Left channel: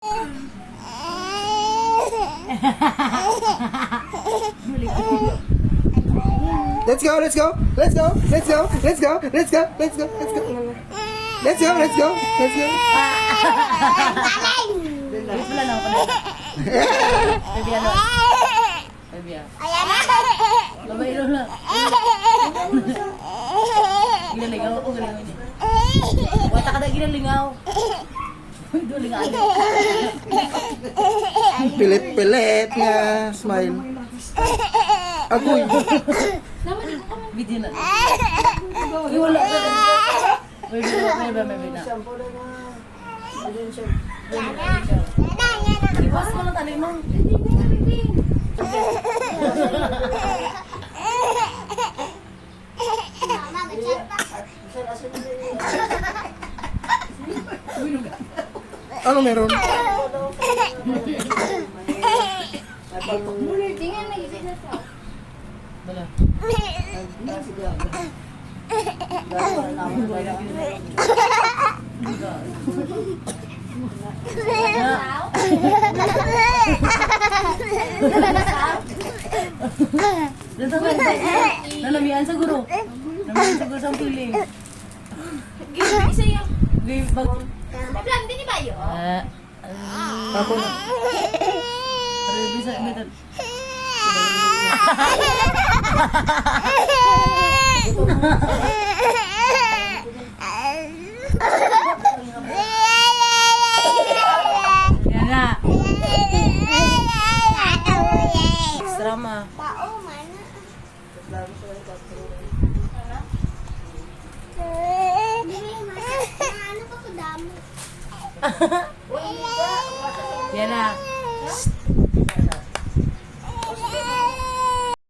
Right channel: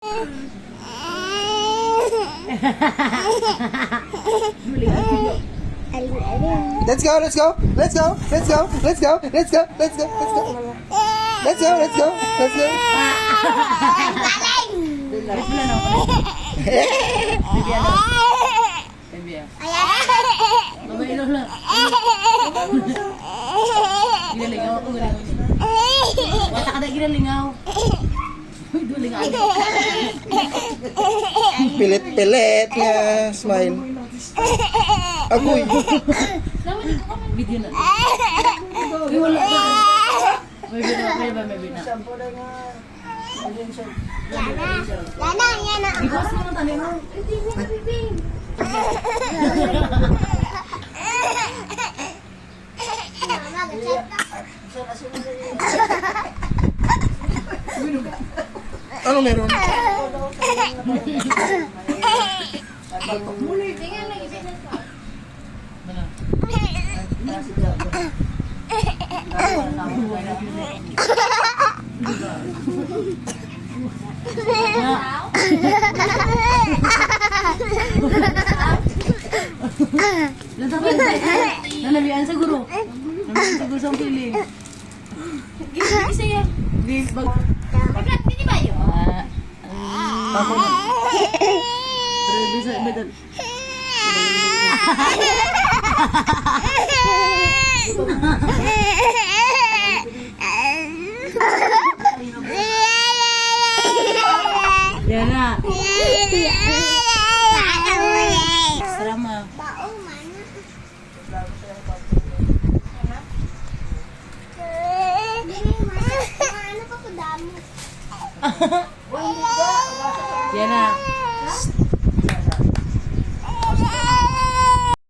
Let's go, let's go, let's go, let's go, let's go, let's go, let's go, let's go. Let's go, let's go, let's go. Baby, ano? Baby, Babailo na. Ginalingaw ako, ginalingaw. Kata ka na ginalingaw. Ginalingaw. Pilit-pilit nga, smile. Agoy. Video na. Uy, wala ka. May ba, may bina. Ipas mo ng tali mo. Ano meron? Nalamian sa guro. Nalamian sa guro sa piling. Di bag. Hindi ba yun? Ako na. Pero di sa metal. Yan na. Sama. Yan na.